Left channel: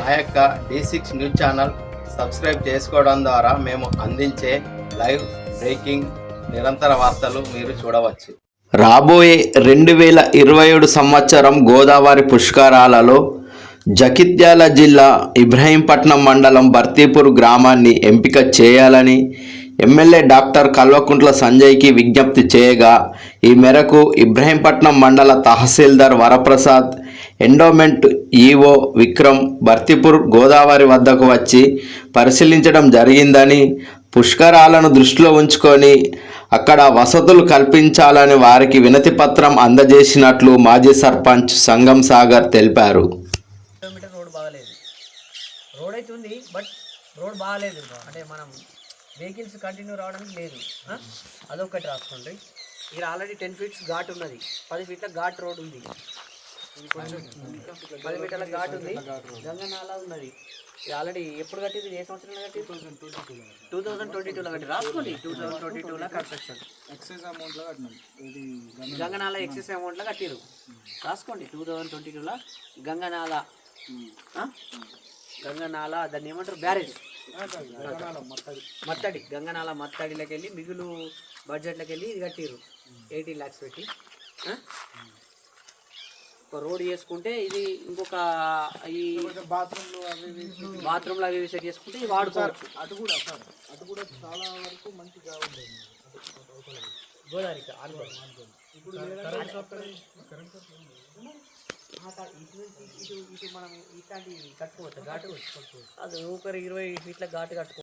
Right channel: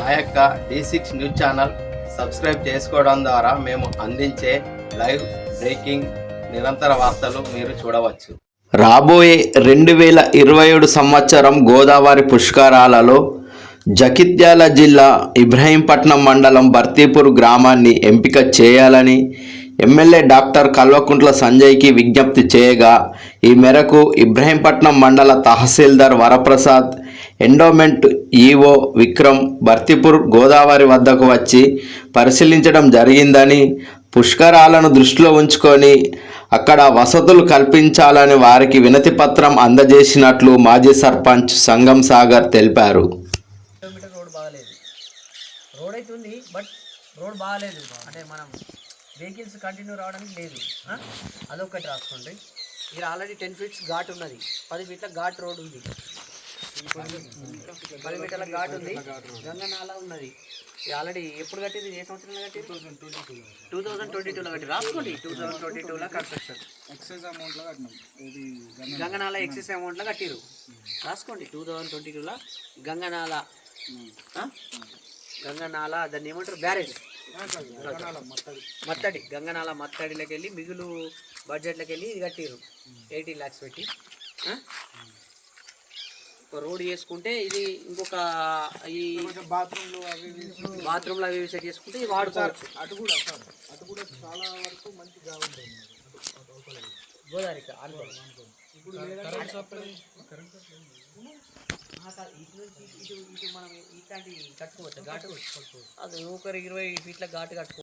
మా యొక్క D6 news channel subscribe చేసుకోవడం ద్వారా మేము అందించే లైవ్ బ్రేకింగ్ నిరంతర వార్తలు మీరు చూడవచ్చు. రాబోయే 2027 సంవత్సరం గోదావరి పుష్కరాలలో జగిత్యాల జిల్లా ఇబ్రహీంపట్నం మండలం బర్తీపూర్ గ్రామాన్ని ఎంపిక చేయాలని ఎమ్మెల్యే డాక్టర్ కల్వకుంట్ల సంజయ్కి విజ్ఞప్తి చేయగా, ఈ మేరకు ఇబ్రహీంపట్నం మండల తహసీల్దార్ వరప్రసాద్, ఎండోమెంట్ ఈఓ విక్రమ్ బర్తీపూర్ గోదావరి వద్దకు వచ్చి పరిశీలించడం జరిగిందని, పుష్కరాలను దృష్టిలో ఉంచుకొని అక్కడ వసతులు కల్పించాలని వారికి వినతి పత్రం అందజేసినట్లు మాజీ సర్పంచ్ సంగం సాగర్ తెలిపారు. కిలోమీటర్ రోడ్ బాగాలేదు, రోడ్ అయితే ఉంది బట్ రోడ్ బాగాలేదు. అంటే మనం వెహికల్స్ కంటిన్యూ రావడానికి లేదు, అదొకటి రాస్తుంది. ఇక్కడ ఆల్రెడీ 10 ఫీట్స్ ఘాట్ ఉన్నది, 10 ఫీట్ల ఘాట్ రోడ్ ఉంది, 10 మీటర్ల ఘాట్ ఉంది, గంగనాల ఉన్నది. ఇది ఆల్రెడీ ఎప్పుడు కట్టింది, ఏ సంవత్సరంలో కట్టి? 2022లో కట్టి రాసుకోండి. 2022లో కన్స్ట్రక్షన్ ఎక్సెస్ అమౌంట్లో కట్టినాం, గంగనాల ఎక్సెస్ అమౌంట్లో కట్టిరు, రాసుకోండి. 2022లో గంగనాల గంగనాల దాన్ని ఏమంటారు, బ్యారేజ్ మత్తడి, గంగనాల మత్తడిలోకి వెళ్ళి మిగులు బడ్జెట్లోకి వెళ్ళి ఇది కట్టిరు 18 lakhs పెట్టి. ఒక రోడ్ చేసుకుంటే ఇది ఇంకొక ఈ బాత్రూమ్లు అవి సెట్ చేసుకుంటే ఇది వాడుకోవచ్చు. అటు కూడా చాలా వరకు మంచిగా ఉంటుంది గోదావరికి ఇప్పుడు ఇటు మనం ఇట్లాంటి కట్టుకోవచ్చు ఘాటు, అది ఒకరు 20 ఫీట్ల ఘాటు కట్టుకోవచ్చు.